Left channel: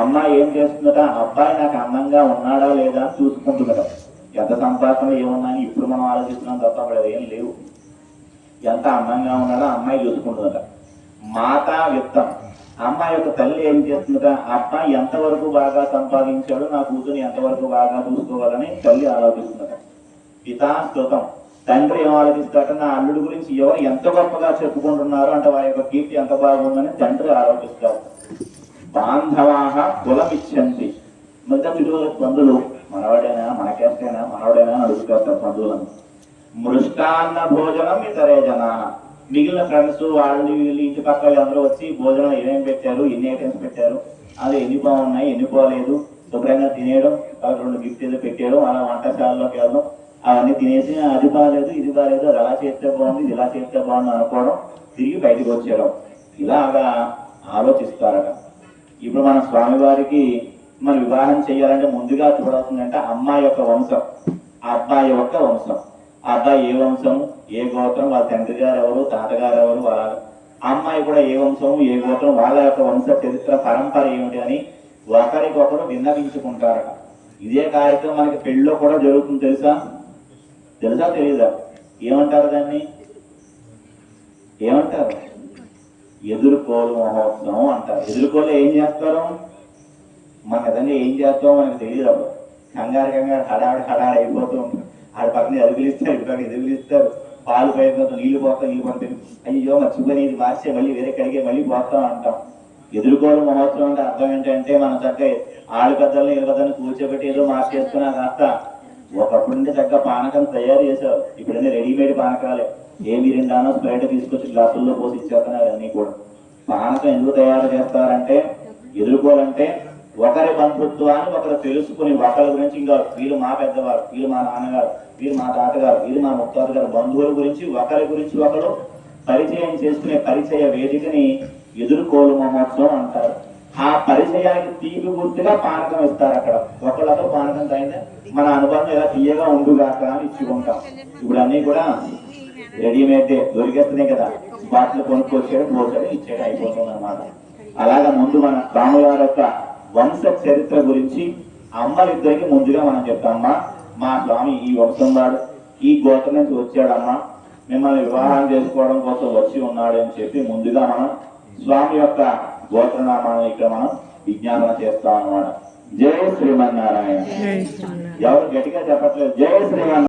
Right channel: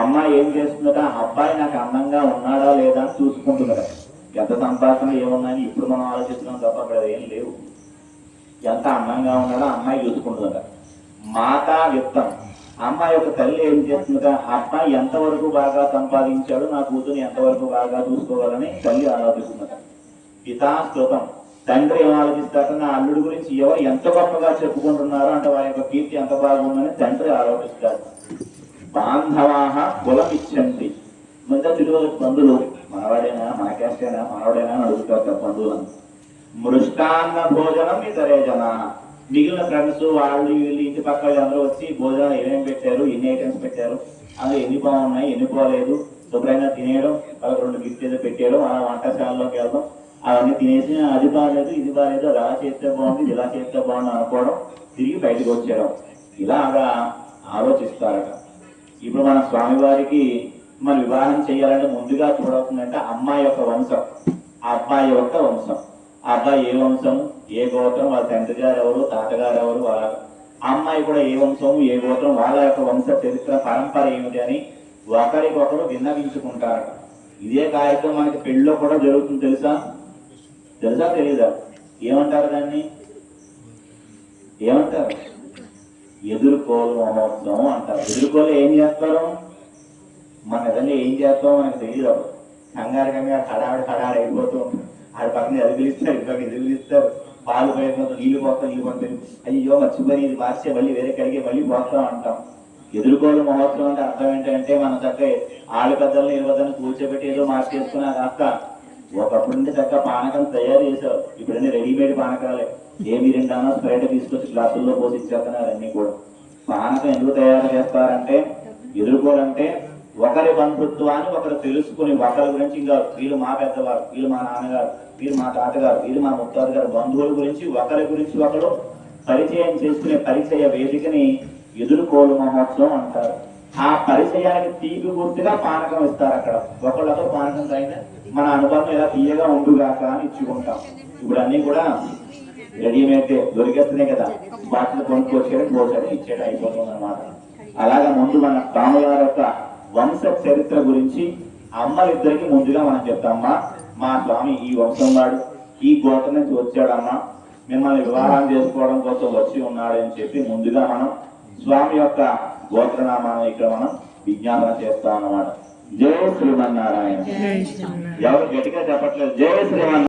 అమ్మాయి ఏం చేస్తుందట, అబ్బాయి నాకు అందంగా ఉన్నాడా లేదా అని చూసుకుంటుందట. ఎంత సంపాదన ఏమున్నాయని ఇప్పుడు మనం ఆలోచిస్తున్నాం తప్ప అప్పుడు అదేం లేవు. ఎంత అందంగా ఉన్నాడో అమ్మాయి చూసుకుంటుందట. మాతా విత్తం, అమ్మాయి యొక్క తల్లి ఏం చేస్తుందట, అబ్బాయి ఎంతవరకు బాగా సంపాదించాడు, నా కూతురు ఎంతవరకు బాగా చూసుకోవాలని తల్లి ఆలోచిస్తుందట. పితాస్కృతం, తండ్రి ఏం ఆలోచిస్తాట, నా అల్లుడి గురించి ఎవరు ఎంత గొప్పగా చెప్పుకుంటున్నారో అంటే వారి యొక్క కీర్తి ఎంత బాగుందని తండ్రి ఆలోచిస్తారు. బాంధవాహ కులమిచ్చండి, మిగతా తిరుగులకు బంధువులు మనవాడైనా మనకేస్తేనా మనవాడైనా అడుగుతారు బంధువులను. మృష్టాన్న భోజనం ఇతరే జనా, మిగిలిన ఫ్రెండ్స్ వాళ్ళు వీళ్ళు ఇంటి పక్క అందరూ వచ్చి భోజనం ఏమేమి పెట్టారు, ఎన్ని ఐటమ్స్ పెట్టారు, అందులో ఎన్ని బాగున్నాయి ఎన్ని పోలేదు, శుభ్రంగా తినేయడం, వాళ్ళకి 2 గిఫ్ట్ ఏదో పెట్టేయడం, అలా వంటశాలలోకి వెళ్ళడం, అవన్నీ తినేసి అది బాగాలేదు ఇది బాగాలేదు, అది అలా చేస్తే బాగుంది ఇది ఇలా చేస్తే బాగుంది అనుకోవడం, తిరిగి బయటకు వచ్చేయడం, ఇలాగా ఆలోచిస్తారట. ఇప్పుడు మన స్వామివారికి మన వివాహం చేయాలంటే ముందుగా చూడవుతుందంటే అమ్మాయి యొక్క వంశం, ఆ అబ్బాయి యొక్క వంశం. ఆ అబ్బాయి ఏ వంశం ఏ గోత్రం, వాళ్ళ తండ్రి గారు ఎవరు తాతగారు ఎవరు, వాళ్ళ అమ్మాయి కూడా ఏ వంశం ఏ గోత్రం, వాళ్ళ యొక్క వంశ చరిత్ర పరంపర ఏమిటి అని ఒకరికొకరు విన్నవించుకుంటారట. ఇదే కార్యక్రమం మనకి పెళ్ళిలో కూడా జరుగుతుంది. తెలుసా తెలీదా? ఏమంటారు దాన్ని? ఏమంటారు? ఎదుర్కోలు మహోత్సవం అంటారు. ఎదుర్కోలు ఏం చేస్తారు? మన నిజంగా ఏం చేస్తామో మనకు తెలియదు. అప్పుడు కంగారు హడావిడి అయిపోతూ ఉంటారు. ఆడ పక్కన ఎదుగులిస్తారు, ఇటు పక్కన ఎదుగులిస్తారు, పాలు పైపోతాం, నీళ్లు పోతాం, అయ్యో మర్చిపోయి ఇది మార్చే మళ్ళీ వేరే కడిగే మళ్ళీ పోతాం అంటాం. ఎదుర్కోలు మహోత్సవం అంటే అర్థం ఏంటంటే మన చక్కగా ఆడు పెద్దలను ఇరవదని కూర్చోబెట్టి ఏదో మార్చేసుకున్నా కాస్త ఒకప్పుడు నుండి చక్కగా పానకం తయారు చేశారు. ఇప్పుడన్నీ రెడీమేడ్ పానకాలే, ఏ మిరిండానో స్ప్రైట్ తీసుకొచ్చి గ్లాసుల్లో పోసి ఇచ్చేస్తున్నారు. అన్ని కూడా పానకం ఎందుకు తయారు చేస్తారంటే, ఎదుర్కోవాలంటే ఒకరి బంధుత్వాన్ని ఒకరు తెలుసుకుని, ఒకరి గురించి ఇంకా వీళ్ళు మా పెద్దవారు, వీళ్ళు మా నాన్నగారు, వీళ్ళు మా తాతగారు, వీళ్ళు మా ముత్తాత గారు, బంధువుల గురించి ఒకరి గురించి ఒకరు పరిచయం చేసుకునే పరిచయ వేదికని ఎదుర్కోలు మహోత్సవం అంటారు. ఆ పరిచయానికి తీపి గుర్తుగా పానకం ఇస్తారు. అక్కడ ఒకళ్ళతో పానకం తాగితే మన అనుబంధం ఇలా తీయగా ఉండుగాక అని ఇచ్చుకుంటాం. ఇప్పుడు అన్ని కూడా రెడీమేడ్ దొరికేస్తున్నాయి కదా, బాటిల్ కొనుక్కొచ్చేయడం పోసేయడం ఇచ్చేయడం అయిపోతుంది అనమాట. అలాగా ముందు మన స్వామివారి యొక్క వంశ చరిత్ర గురించి అమ్మలిద్దరికి ముందుగా మనం చెప్తామమ్మా, మా స్వామి ఈ వంశం వాడు, ఈ గోత్రం నుంచి వచ్చాడమ్మా, మిమ్మల్ని వివాహం చేసుకోవడం కోసం వచ్చి ఉన్నాడు అని చెప్పి ముందుగా మనం స్వామి యొక్క గోత్రనామాలను ఇక్కడ మనం విజ్ఞాపన చేస్తాం అన్నమాట. జై శ్రీమన్నారాయణ. ఎవరు గట్టిగా చెప్పట్లేదు జై శ్రీమన్నారాయణ.